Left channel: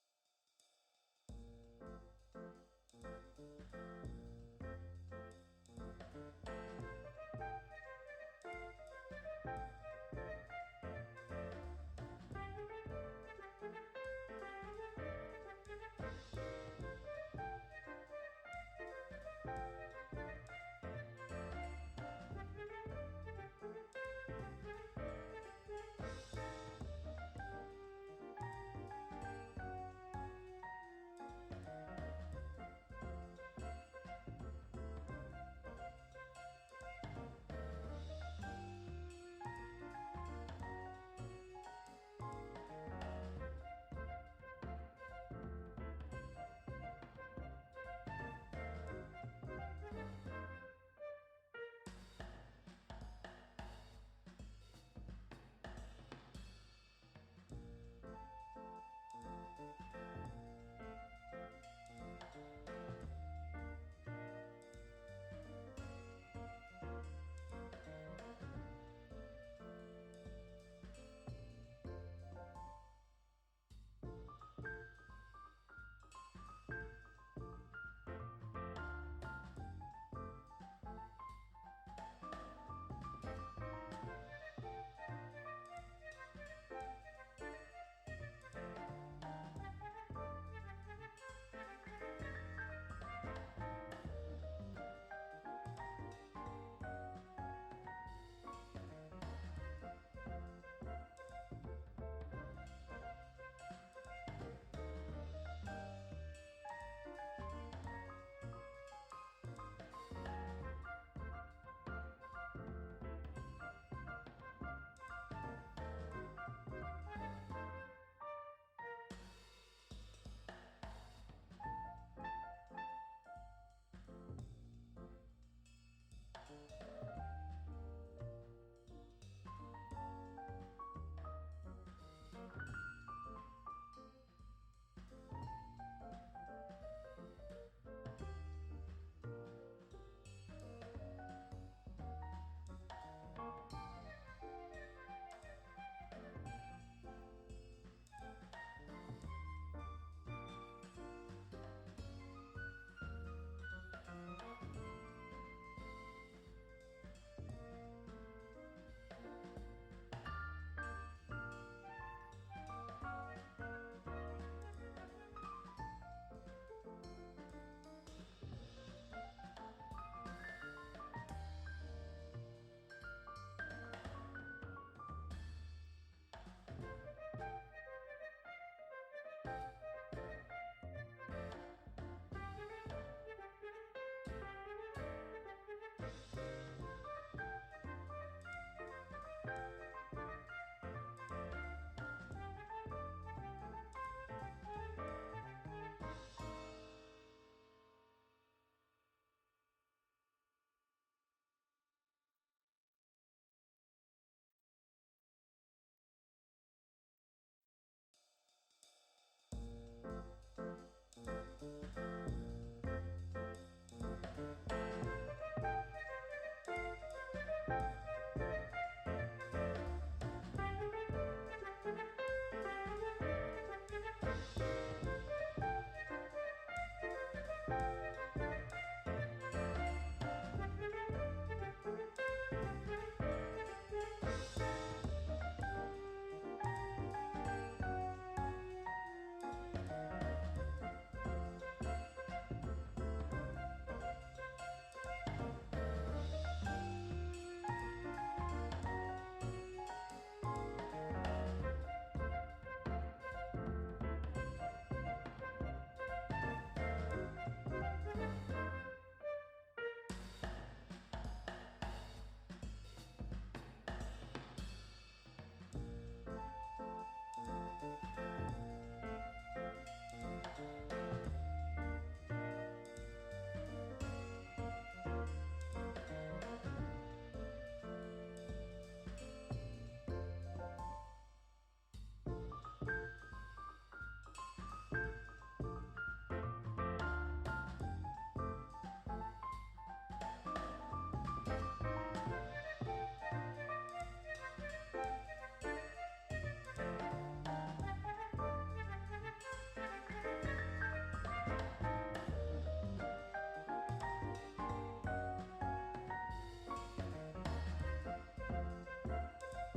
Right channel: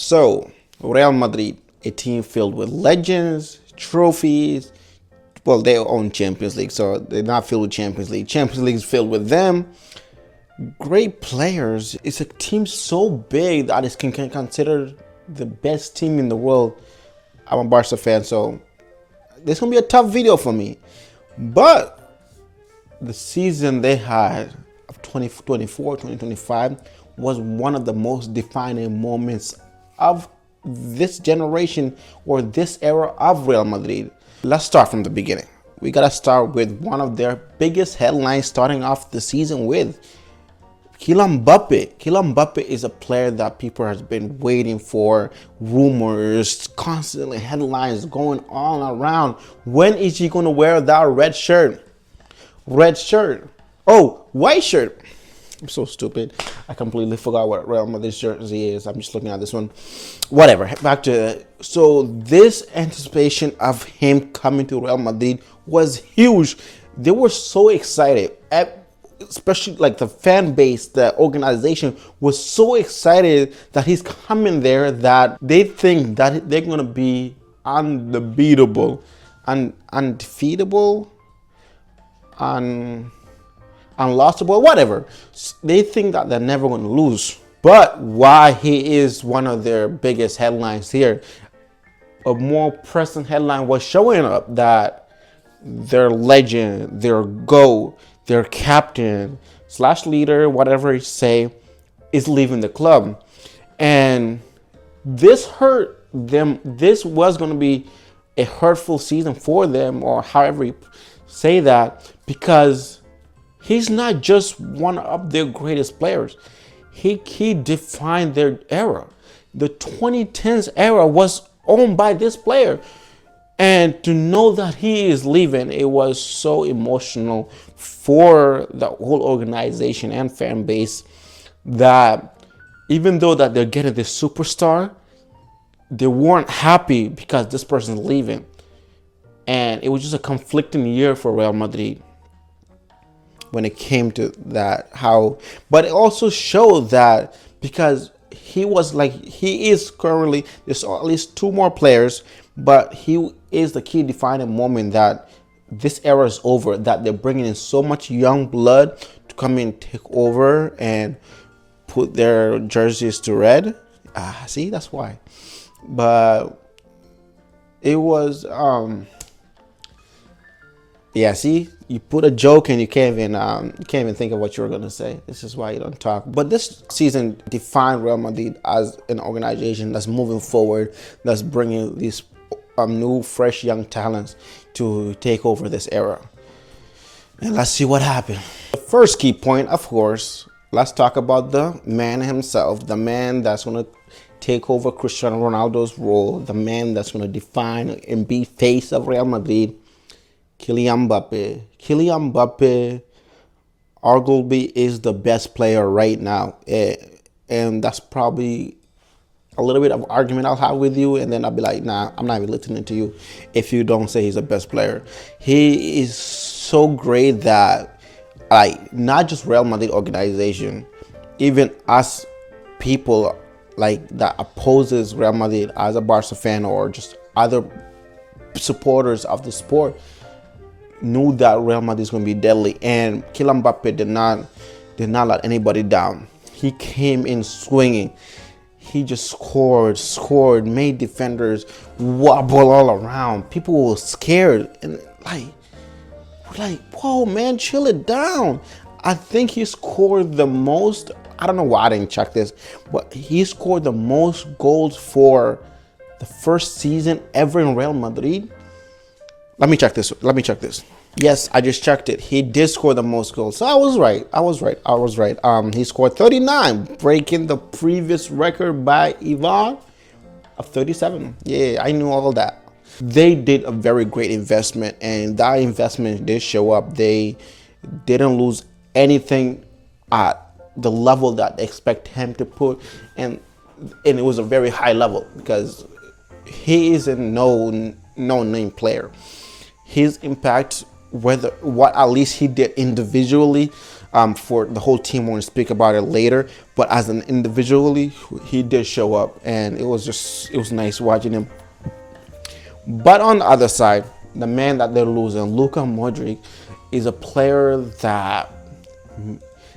So, Real Madrid, a team filled with legends, trophies. Well, they own Champions League, so they're not filled with Champions League. Champions League is filled with them. Great players. It's a team so big that it can consider the best team in the world. I'm a Barca fan, so this is going to be a tough video for me. But the season they had of 2024, 2025 was one of the most defining moments of this generation or this era of Real Madrid. Let's start from the beginning. We got to start with one of their biggest headlines starting off the season with Kylian Mbappe. Kylian Mbappe is a player that people have been waiting for. Rumors, constantly headlines going on around. When is he going to wear that red shirt? Red shirt. Oh, white shirt. I'm so stupid. I completely forgot what Real Madrid's jersey is. I'm just looking at this one. Whatever. Back to so this anticipation of him coming to Real Madrid was huge. They were so excited. Especially like the fan base, the organization was so excited that he's coming there that they think that they're gonna be undefeatable, undefeatable, unlossable, whatever. They think that they're never gonna lose. But why he is one of their biggest headlines here, a more present headline was showing up that their legend, their GOAT, their captain / leader, whatever you say, is leaving the club. And this hurt them. This was going to be a hurtful season for them, or however you say that, because he's not just one of their greatest players. He defined their era. The 2010s era was owned by this player. And to know that he is leaving, it was so emotional for the whole organization and fan base that even though that they're getting this superstar, they weren't happy because this person's leaving. And it was just a conflicting year for Real Madrid when it came to that. But it also showed that because he is currently, there's at least two more players, but he is the key defining moment that this era is over, that they're bringing in so much young blood to come in and take over and put their jerseys to red. See, that's why. But it was, yeah, see, you put a joke and you can't even think of what you were going to say. This is why you don't talk. But this season defined Real Madrid as an organization that's moving forward, that's bringing these new, fresh, young talents to take over this era. And let's see what happened. The first key point, of course, let's talk about the man himself, the man that's going to take over Cristiano Ronaldo's role, the man that's going to define and be face of Real Madrid, Kylian Mbappe. Kylian Mbappe arguably is the best player right now. And that's probably a little bit of argument I'll have with you, and then I'll be like, nah, I'm not even listening to you if you don't say he's the best player. He is so great that, like, not just Real Madrid organization, even us people like that opposes Real Madrid as a Barca fan or just other supporters of the sport knew that Real Madrid is going to be deadly, and Kylian Mbappe did not let anybody down. He came in swinging. He just scored, made defenders wobble all around. People were scared and like, whoa, man, chill it down. I think he scored the most. I don't know why I didn't check this, but he scored the most goals for the first season ever in Real Madrid. Let me check this. Yes, I just checked it. He did score the most goals. So I was right. He scored 39, breaking the previous record by Ivan of 37. Yeah, I knew all that. They did a very great investment, and that investment did show up. They didn't lose anything at the level that they expect him to put, and it was a very high level because he is a no-name player. His impact, what at least he did individually, For the whole team, we're going to speak about it later. But as an individually, he did show up, and it was nice watching him. But on the other side, the man that they're losing, Luka Modric, is a player that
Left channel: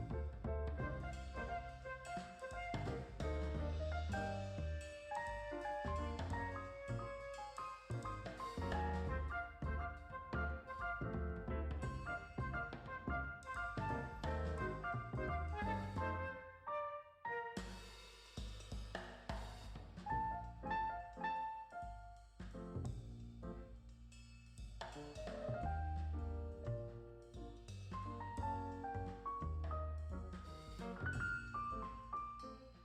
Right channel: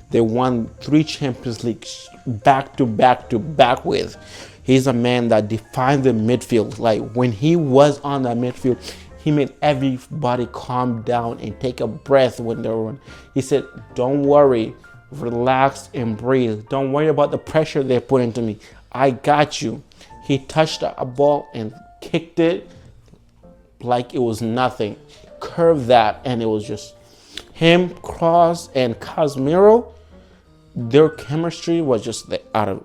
they won 3 Champions Leagues back to back with. He's a man that defined the midfield. Like when he was on that midfield, he made everybody calm down and take a breath when they were on. He said, "Don't worry, relax and breathe. Don't worry about the pressure they put into me. I got you." He touched a ball and kicked it like it was nothing. Curved that, and it was just him, Kroos, and Casemiro. Their chemistry was just out of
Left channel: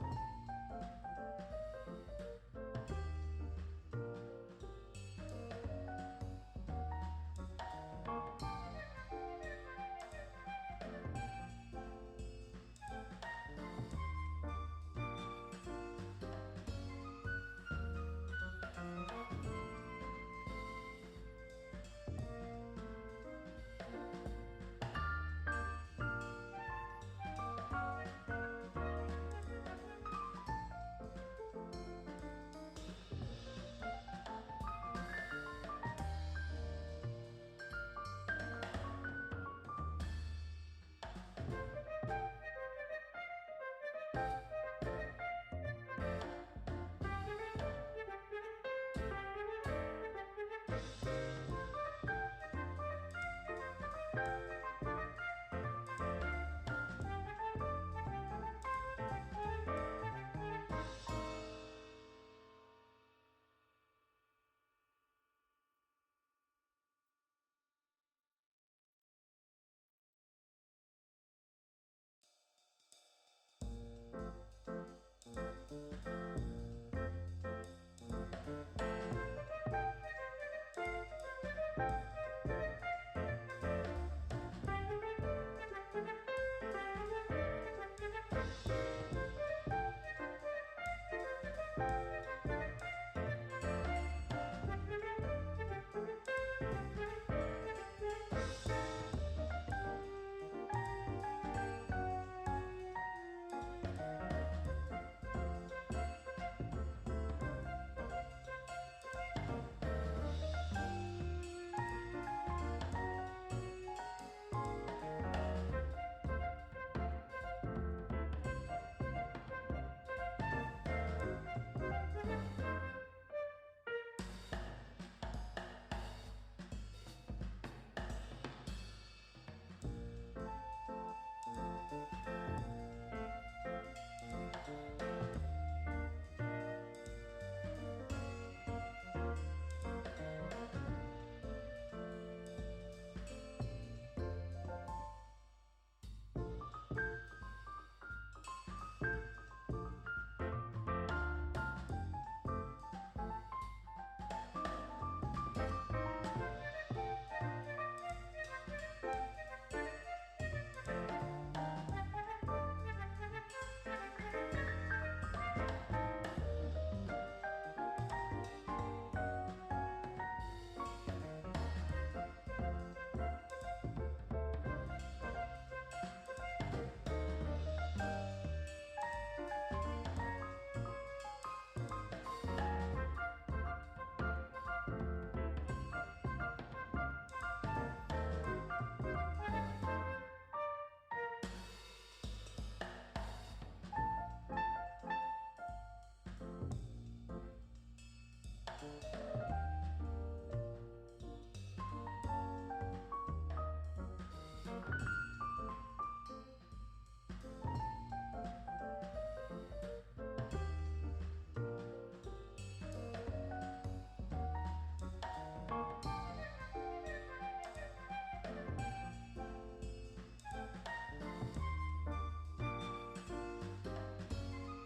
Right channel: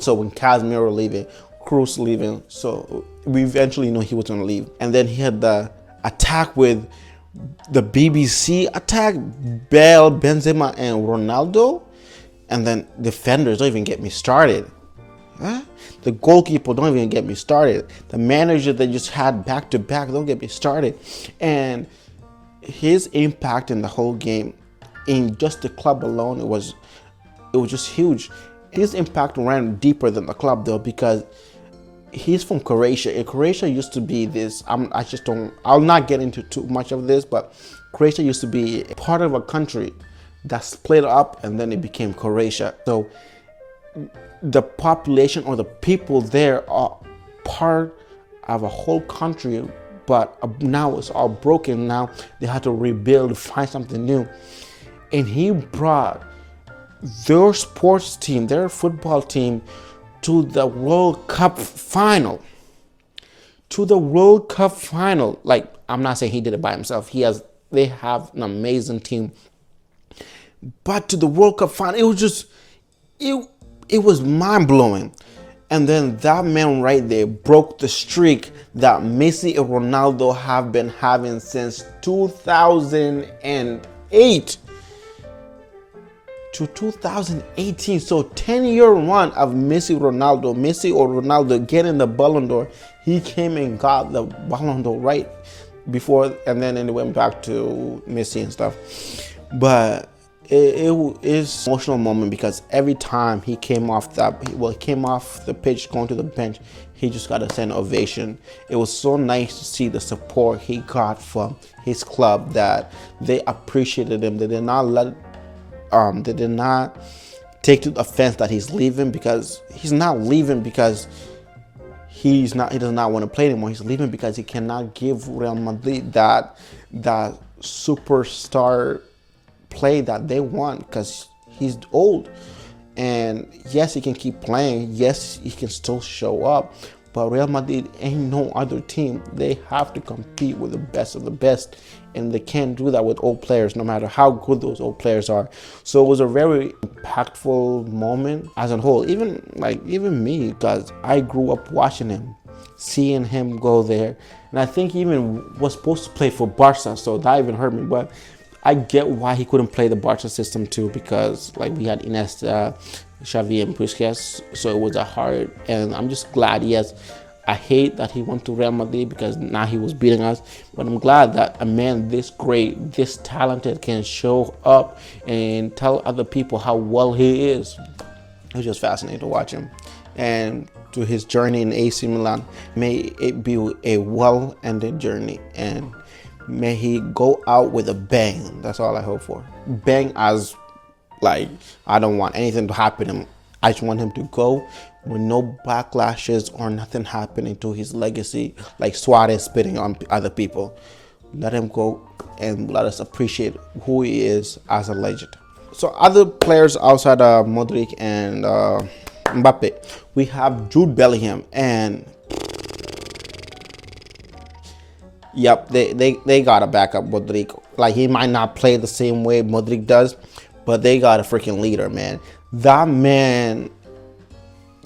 So when Casemiro leaving, Kroos leaving, so we eventually knew he was gonna leave. And then he had the attack with the BBC attack, Bale, Benzema, and Ronaldo. And then defenders, don't even get me started. Huh? The goalkeeper, don't even get me started. The manager that just had back to back, don't get me started. And his impact in the whole game, in just the club alone, it was just huge. His impact ran deeper than the club though, because he's from Croatia. And Croatia used to be this, I'll not get into too much of this, but Croatia used to be part of a country that split up and then it became Croatia. So the population or the people there are part of a whole country, but now it's all broken. Now they have to rebuild, find something new. And he brought their sports team, their football team, to the World Cup final. Like, I'm not saying he did it by himself. They have an amazing team. But to the World Cup final, it was just, it was mind-blowing. And then that man right there broke the streak that Messi and Ronaldo have been having since 2008 to 2018. So 10-year run of Messi or Ronaldo getting the Ballon d'Or. He came and got the Ballon d'Or right before, and then it went back to Messi and stuff. But it is an emotional moment because every time he came off the pitch going to the bench, he just got a standing ovation. It was so nice to see the support he got from his club, that they appreciated him. They did not take to offense that he's leaving, because he's not leaving because he does not want to play anymore. He's leaving because he cannot give Real Madrid that superstar play that they want, because he's old. And yes, he can keep playing, yes, he can still show up, but Real Madrid ain't no other team. They have to compete with the best of the best, and they can't do that with old players, no matter how good those old players are. So it was a very impactful moment as a whole, even me, because I grew up watching him, seeing him go there. And I think he even was supposed to play for Barca, so that even hurt me. But I get why he couldn't play the Barca system too, because we had Iniesta, Xavi, and Busquets, so it was hard. And I'm just glad I hate that he went to Real Madrid, because now he was beating us. But I'm glad that a man this great, this talented, can show up and tell other people how well he is. It was just fascinating to watch him. And to his journey in AC Milan, may it be a well-ended journey, and may he go out with a bang. That's all I hope for. Bang, as I don't want anything to happen to him. I just want him to go with no backlashes or nothing happening to his legacy, like Suarez spitting on other people. Let him go and let us appreciate who he is as a legend. So other players outside of Modric and Mbappe, we have Jude Bellingham, and yep, they gotta back up Modric. He might not play the same way Modric does, but they got a freaking leader, man. That man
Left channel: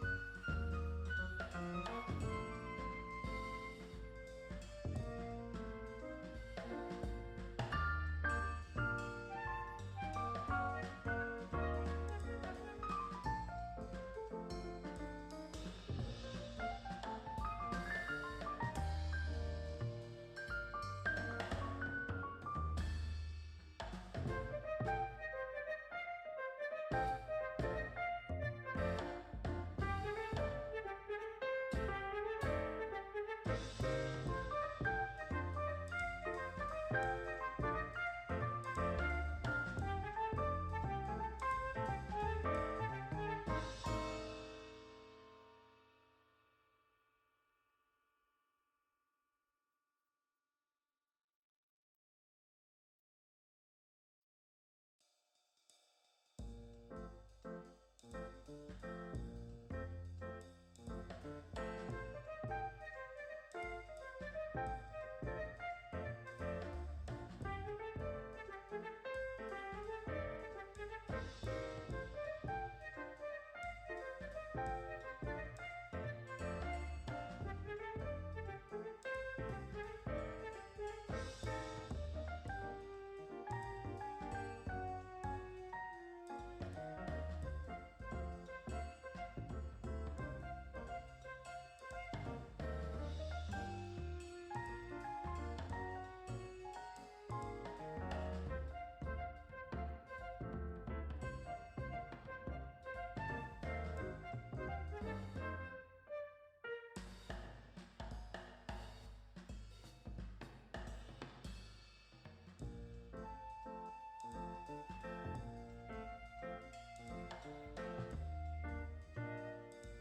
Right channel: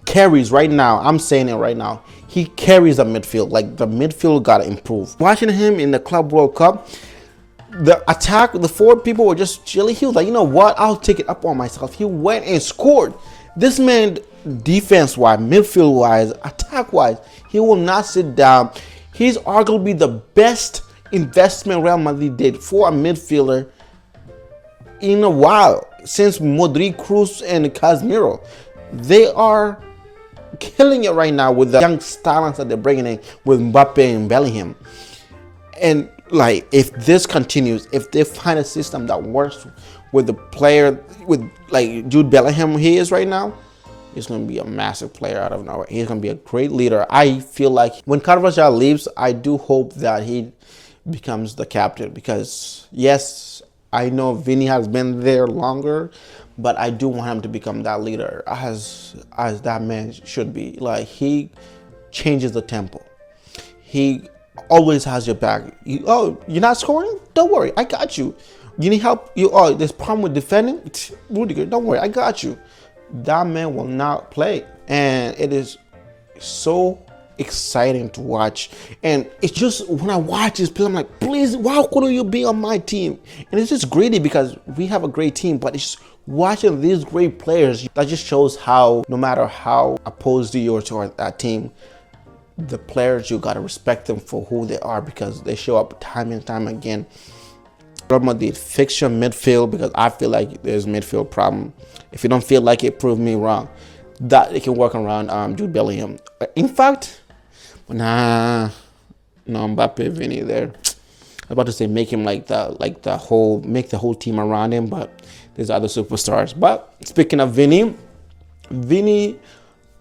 carries right now. I'm saying it right now. He carries the midfield. The midfield gotta improve. Watching him in the Club World Cup, the attack, the forward people were just chilly. He was like, you know what? I'll take it up on myself. He went and scored. This man, defense-wise, midfield-wise, attack-wise, he will not sit down. He's arguably the best investment Real Madrid did for a midfielder in a while since Madrid, Cruz, and Casemiro. They are killing it right now with the young talents that they're bringing in with Mbappe and Bellingham. And like, if this continues, if they find a system that works with the player, with like Jude Bellingham he is right now, he's going to be a massive player out of nowhere. He's going to be a great leader. I feel like when Carvajal leaves, I do hope that he becomes the captain, because yes, I know Vini has been there longer, but I do want him to become that leader as that man should be. Like, he changes the tempo. He always has your back. You're not scoring? Don't worry, I got you. You need help? There's problem with defending? Rudiger, don't worry, I got you. That man will not play, and it is so exciting to watch. And it's just, when I watch this play, I'm like, please, why couldn't you be on my team? And it's just greedy because we have a great team, but it's just watching these great players that just shows how, no matter how opposed you are to that team, the players, you gotta respect them for who they are, because they show up time and time again. Real Madrid, fix your midfield, because I feel like there's a midfield problem. If you don't feel like it, prove me wrong. That they can work around Jude Bellingham. In fact, no Mbappe, Vini there. I was about to say make him make the whole team around him, but there's other superstars. But speaking of Vini,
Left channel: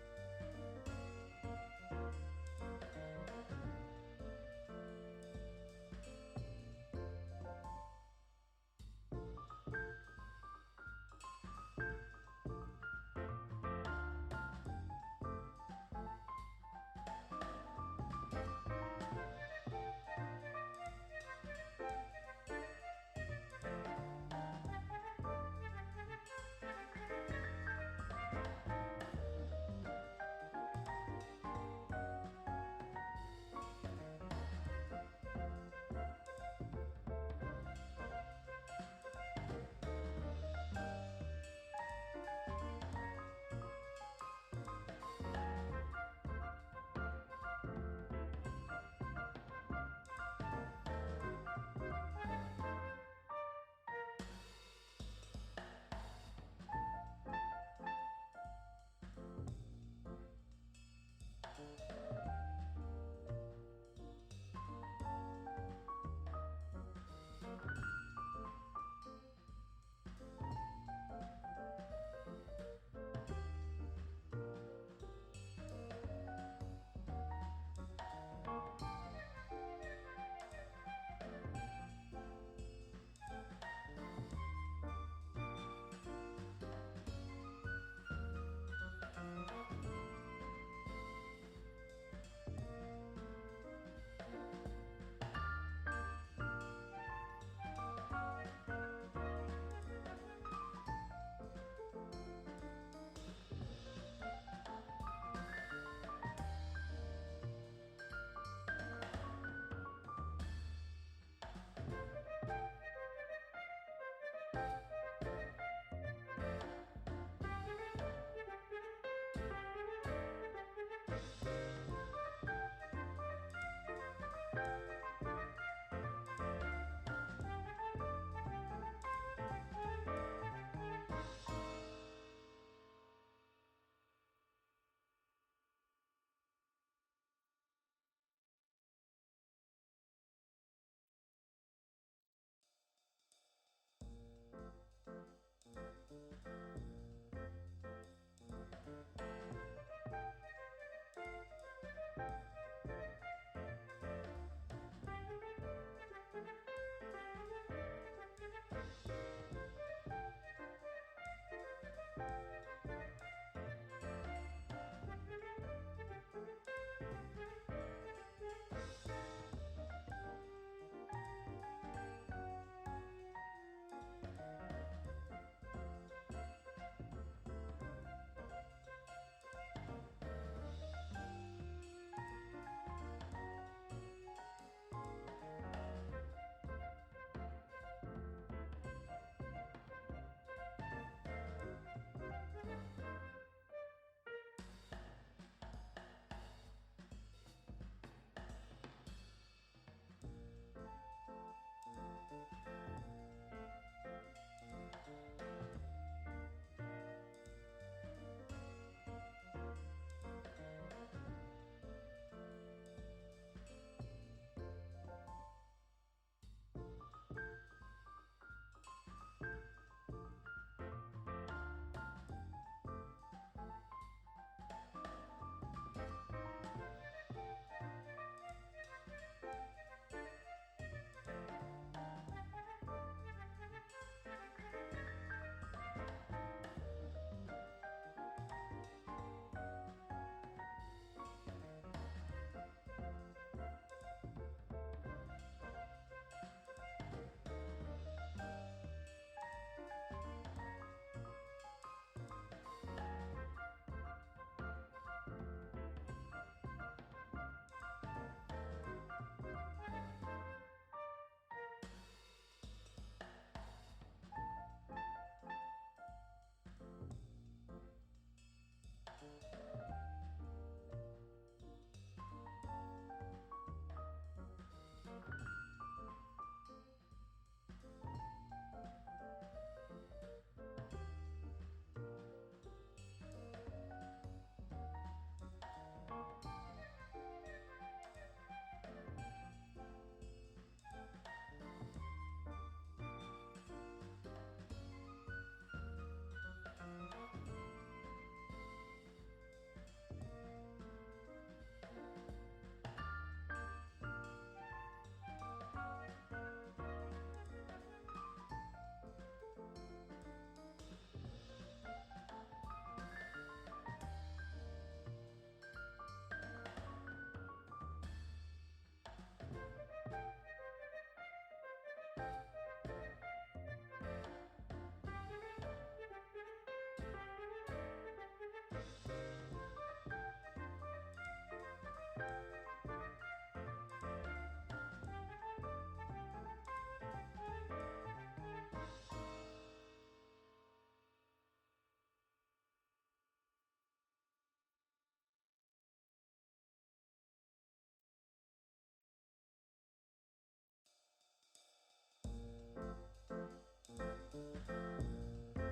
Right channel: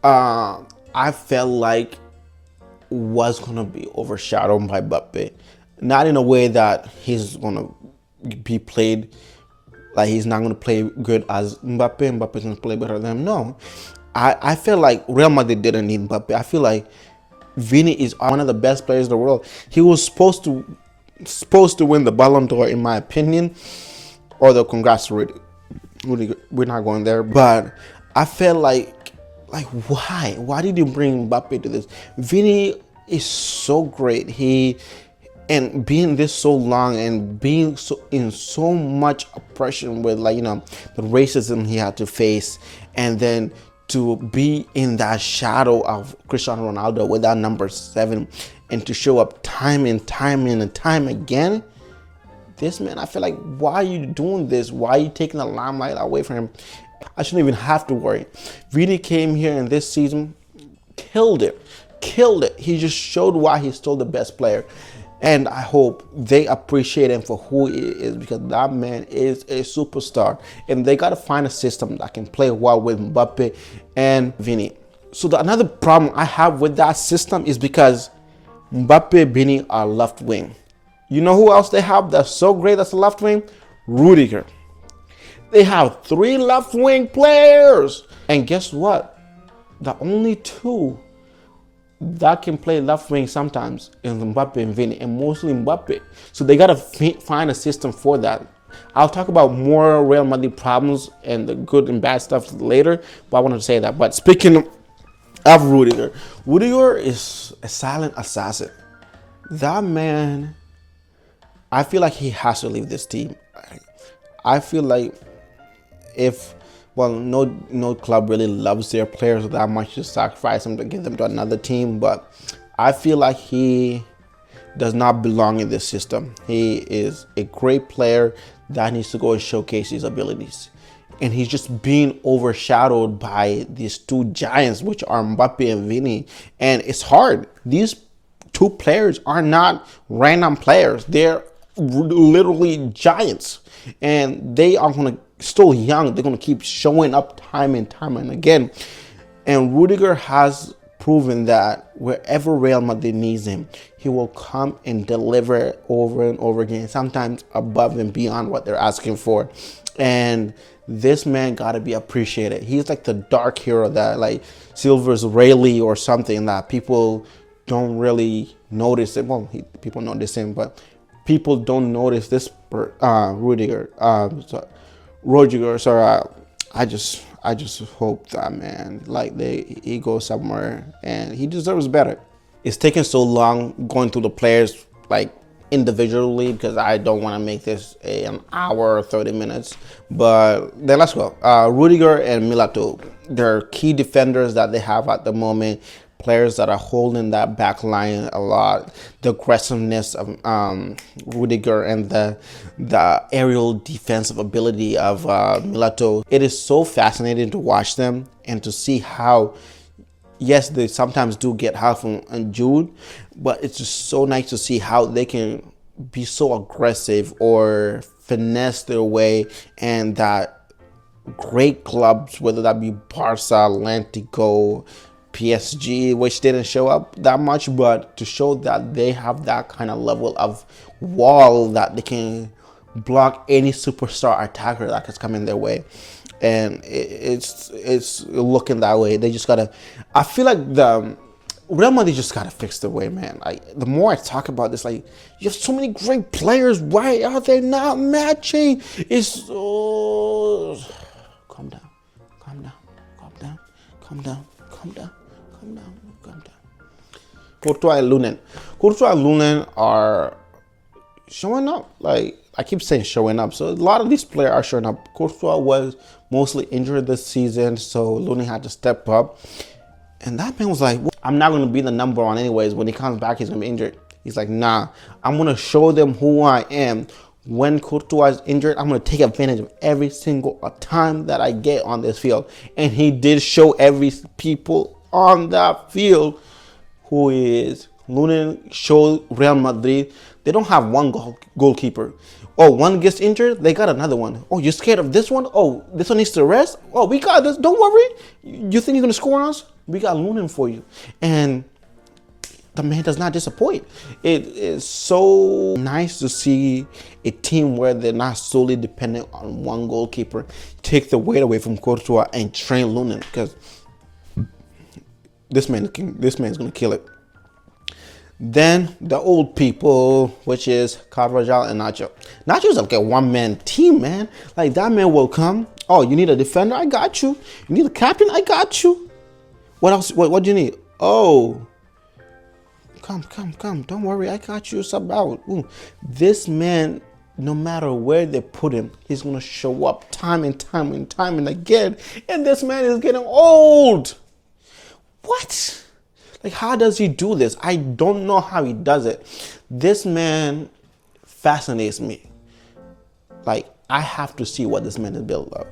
I felt like was gonna be overshadowed by Mbappe. Not in a way that he's gonna be played like he's not gonna play good as Mbappe. Mbappe's gonna play better than him. No, I feel like Real Madrid didn't need Mbappe. I feel like Vini is one of the best players in the world. He was supposed to win the Ballon d'Or, in my opinion. Although, congrats, Rudiger. We're not going there. But I felt like why? Why did you bring Mbappe to this? Vini is so great. And being this so long and being in so much oppression with the racism he had to face, and then to be in that shadow of Cristiano Ronaldo with that number 7, and to show up time and time again. This man, I feel like, why are you doing this? Why are you taking the limelight away from him? I shouldn't even have to worry. Vini came here in this season, killed it. He just showed why he's still the best player. And I hope they appreciate him for who he is, because that man is a superstar. And they got to find a system that can play well with Mbappe and Vini. So another problem I have with that system is because Mbappe and Vini are left wing. You know who else they have that's so great that's a left wing? Rudiger. They have 3 left wing players. And guess what? The only 2 that can play left wing sometimes is Mbappe and Vini, and mostly Mbappe. So they gotta find a system for that. I'll talk about more Real Madrid problems and the good and bad stuff later, but I wanted to say that. But speaking of Rudiger is a silent assassin. That man, I feel like he has to leave this team. I feel like no club really loves their players that much to sacrifice them to give them to another team, but I feel like he does not belong in this system. He is a great player that needs to go and showcase his abilities. And he's just being overshadowed by these 2 giants, which are Mbappe and Vini. And it's hard. These 2 players are not random players. They're literally giants. And they are still young. They're going to keep showing up time and again. And Rudiger has proven that wherever Real Madrid needs him, he will come and deliver over and over again, sometimes above and beyond what they're asking for. And this man got to be appreciated. He's like the dark hero that, like Silver's Rayleigh or something, that people don't really notice it. Well, people notice him, but people don't notice this Rudiger. I just hope that, man, he goes somewhere, and he deserves better. It's taking so long going through the players. Like, individually because I don't want to make this an hour or 30 minutes. But then let's go. Rudiger and Milito, they're key defenders that they have at the moment. Players that are holding that back line a lot. The aggressiveness of Rudiger and the aerial defensive ability of Milito. It is so fascinating to watch them and to see how, yes, they sometimes do get half on Jude, but it's just so nice to see how they can be so aggressive or finesse their way, and that great clubs, whether that be Barca, Atlético, PSG, which didn't show up that much, but to show that they have that kind of level of wall that they can block any superstar attacker that is coming their way. And it's looking that way. They just gotta, I feel like the Real Madrid just gotta fix the way, man. The more I talk about this, like, you have so many great players. Why are they not matching? It's calm down, calm down, calm down, calm down, calm down, calm down, calm down. Courtois and Lunin are showing up. Like, I keep saying showing up. So a lot of these players are showing up. Courtois was mostly injured this season, so Lunin had to step up. And that man was like, I'm not going to be the number one anyways. When he comes back, he's going to be injured. He's like, nah, I'm going to show them who I am. When Courtois is injured, I'm going to take advantage of every single time that I get on this field. And he did show every people on that field who he is. Lunin showed Real Madrid they don't have one goalkeeper. Oh, one gets injured, they got another one. Oh, you're scared of this one? Oh, this one needs to rest? Oh, we got this. Don't worry. You think you're going to score on us? We got Lunin for you. And the man does not disappoint. It is so nice to see a team where they're not solely dependent on one goalkeeper take the weight away from Courtois and train Lunin, because this man's going to kill it. Then the old people, which is Carvajal and Nacho. Nacho's like a one-man team, man. Like, that man will come. Oh, you need a defender? I got you. You need a captain? I got you. What else? What do you need? Oh, come. Don't worry. I got you. Sub out. Ooh. This man, no matter where they put him, he's going to show up time and time and again. And this man is getting old. What? Like, how does he do this? I don't know how he does it. This man fascinates me. Like, I have to see what this man is built of.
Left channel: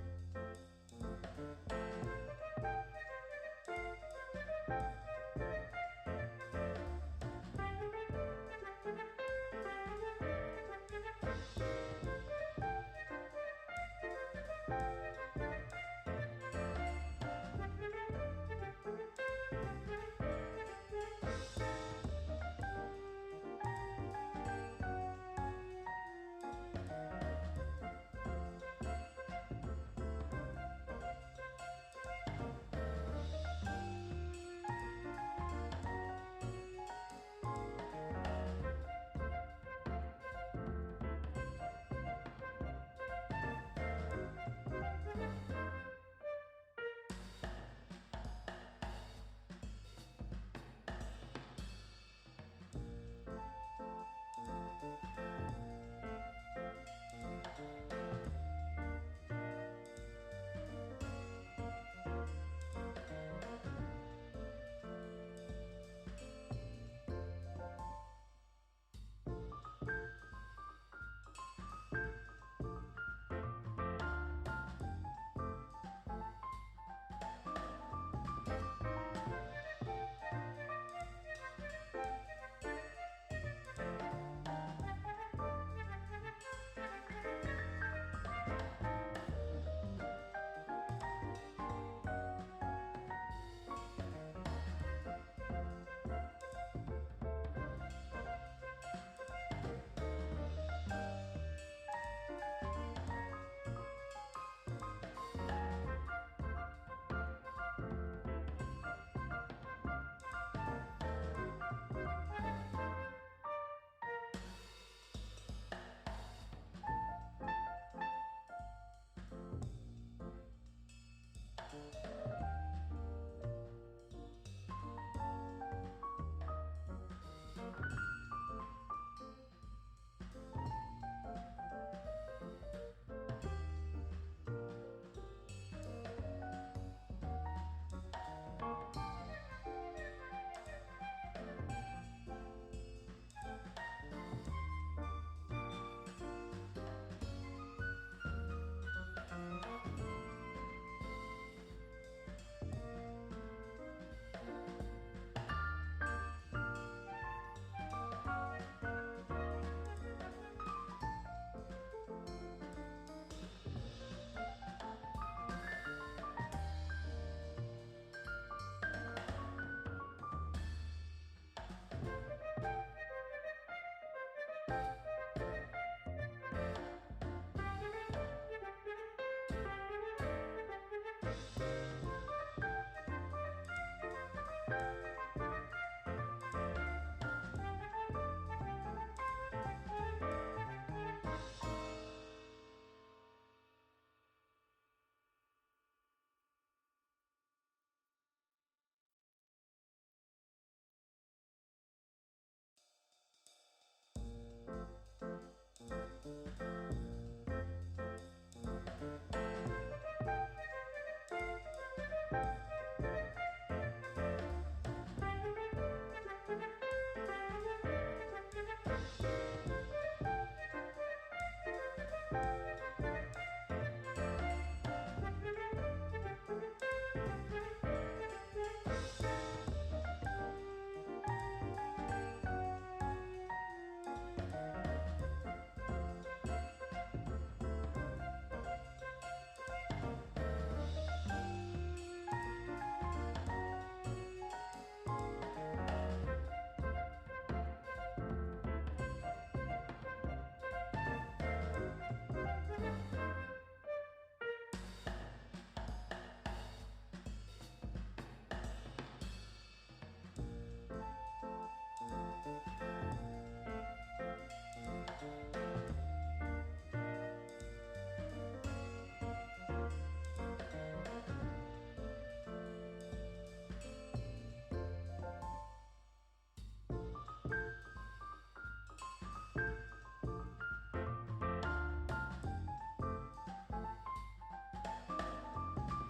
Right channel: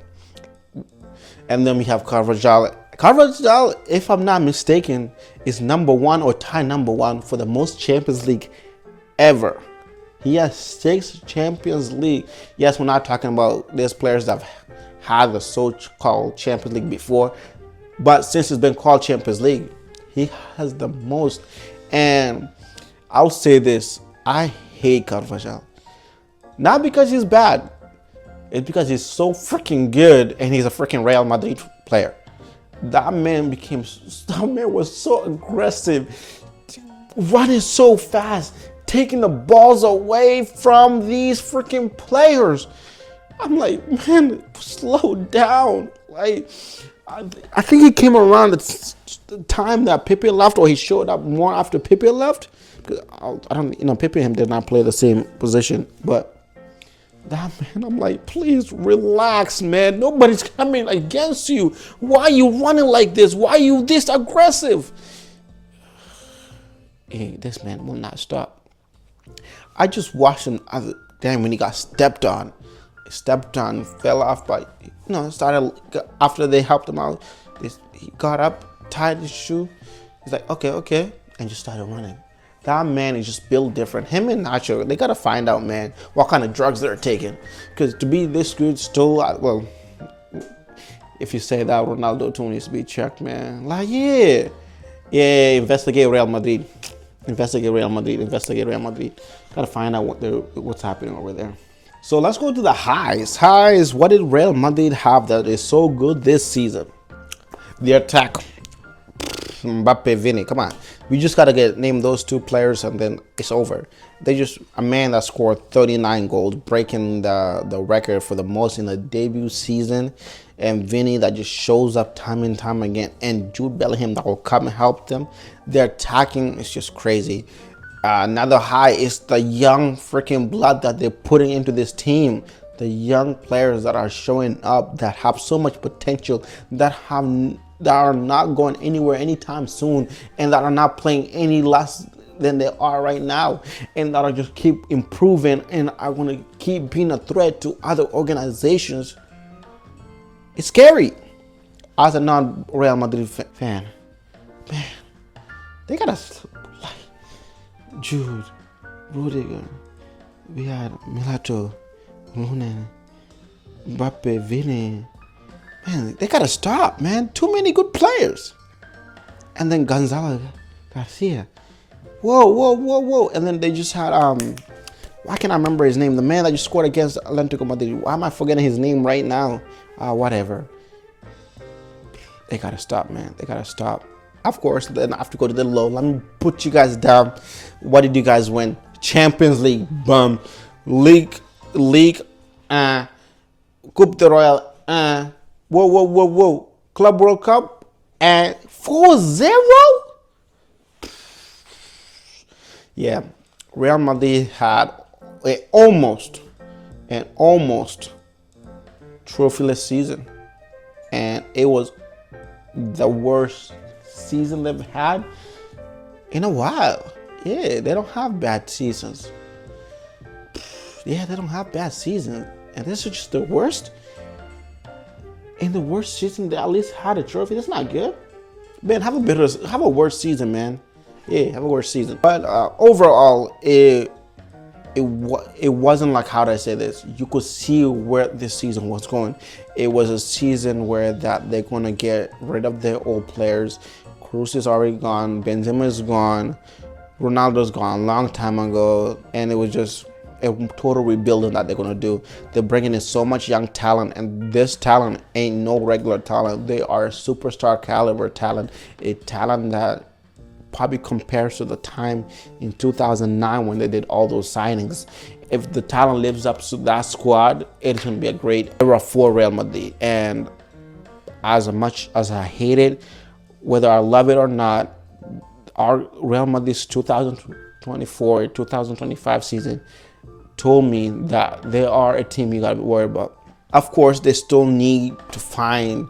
And then we have Carvajal. Carvajal, if I'm not mistaken, is number one or tie number one for the most Champions League ever. He has 6 Champions League. Yes, we're not talking about these players that have had the so-called Champions League before. But since it's been called Champions League, he has the most. And I'll say this, I hate Carvajal. Not because he's bad. It's because he's so freaking good and he's a freaking Real Madrid player. That man was so aggressive, running so fast, taking the balls away from these freaking players. I'm like, man, slow down. Like, I think he came around the time that Pepe left, or he showed up more after Pepe left. I don't, Pepe and him did not play the same position, but that man, I'm like, please relax, man. Nobody's coming against you. Why are you running like this? Why are you this aggressive? Hey, this man will not stop. I just watched him when he got stepped on. He stepped on, fell off, but started after they helped him out. He got up, tied his shoe. He's like, okay, and just started running. That man is just built different. Him and Nacho, they gotta find out, man, what kind of drugs they're taking. Because to be this good still, well, if you say that, Ronaldo too needs to be checked, man. Like, yeah, investigate Real Madrid. Investigate Real Madrid. Gotta find out what's happening over there. So let's go to the highs. What did Real Madrid have that is so good this season? The attack. Mbappe, Vini, come on. We just gotta name those 2 players and then it's over. A man that scored 39 goals, breaking the record for the most in the debut season. And Vini that just shows up time and time again. And Jude Bellingham that will come and help them. Their attacking is just crazy. Another high is the young freaking blood that they're putting into this team. The young players that are showing up, that have so much potential, that are not going anywhere anytime soon, and that are not playing any less than they are right now, and that are just keep improving and are going to keep being a threat to other organizations. It's scary. As a non-Real Madrid fan, man, they gotta, like, Jude, Rudiger, we had Milato, Lunen, Mbappe, Vini. Man, they gotta stop, man. Too many good players. And then Gonzalo Garcia. Whoa. And then they just had, why can't I remember his name? The man that just scored against Atlético Madrid. Why am I forgetting his name right now? Whatever. They gotta stop, man. They gotta stop. Of course, then I have to go to the low. Let me put you guys down. What did you guys win? Champions League, bum. League, Coupe de Royal, whoa. Club World Cup, and 4-0? Yeah, Real Madrid had an almost trophyless season, and it was the worst season they've had in a while. Yeah, they don't have bad seasons. Yeah, they don't have bad seasons, and this is just the worst. In the worst season, they at least had a trophy. That's not good, man. Have a worse season, man. Yeah, have a worse season. But overall, it wasn't like, how do I say this? You could see where this season was going. It was a season where that they're gonna get rid of their old players. Cruz is already gone. Benzema is gone. Ronaldo's gone a long time ago, and it was just a total rebuilding that they're gonna do. They're bringing in so much young talent, and this talent ain't no regular talent. They are superstar caliber talent, a talent that probably compares to the time in 2009 when they did all those signings. If the talent lives up to that squad, it's gonna be a great era for Real Madrid. And as much as I hate it, whether I love it or not, our Real Madrid's 2024 2025 season told me that they are a team you gotta be worried about. Of course, they still need to find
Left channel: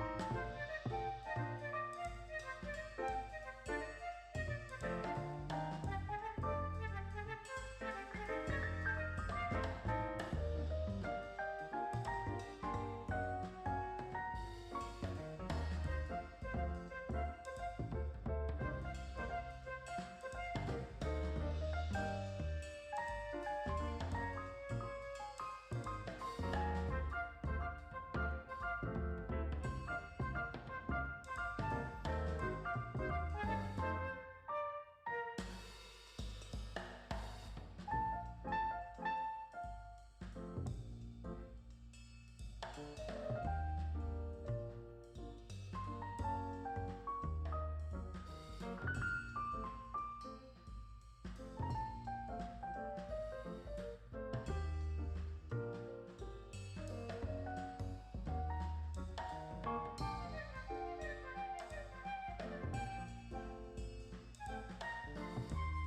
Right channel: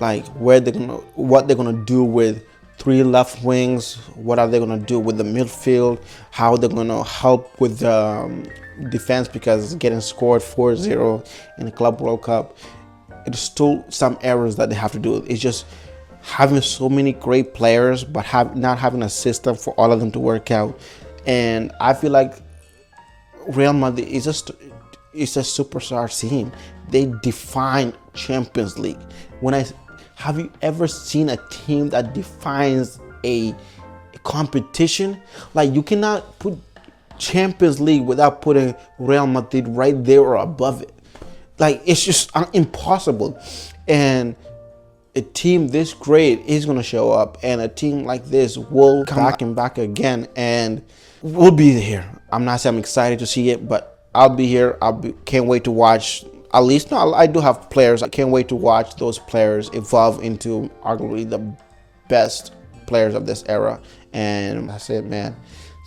like what they're gonna do with 3 left wings. What are they gonna do with the midfield? How they're gonna help with the defense, because getting scored 4-0 in the Club World Cup, it's still some errors that they have to do. It's just having so many great players, but not having a system for all of them to work out. And I feel like Real Madrid is just a superstar team. They define Champions League. Have you ever seen a team that defines a competition? Like, you cannot put Champions League without putting Real Madrid right there or above it. Like, it's just impossible. And a team this great is gonna show up, and a team like this will come back again, and we'll be here. I'm not saying I'm excited to see it, but I'll be here. Can't wait to watch. At least, no, I do have players. I can't wait to watch those players evolve into arguably the best players of this era. And that's it, man.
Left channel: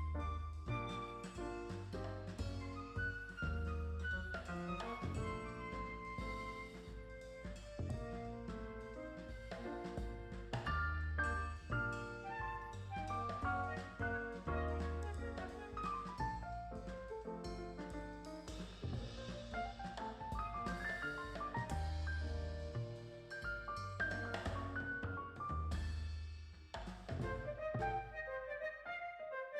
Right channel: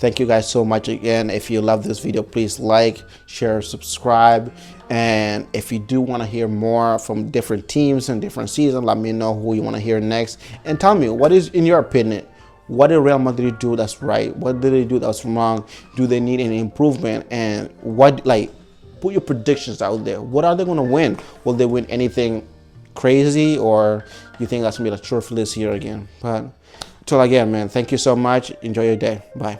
Thank you guys so much again. If you love this video, please like, share, subscribe. And if you do want to hear more from different teams and different seasons, let me know who you want to hear next. And tell me, what is, in your opinion, what did Real Madrid do that's right? What did they do that's wrong? Do they need any improvement? And what, like, put your predictions out there. What are they going to win? Will they win anything crazy, or you think that's going to be the trophyless year again? But until again, man, thank you so much. Enjoy your day. Bye.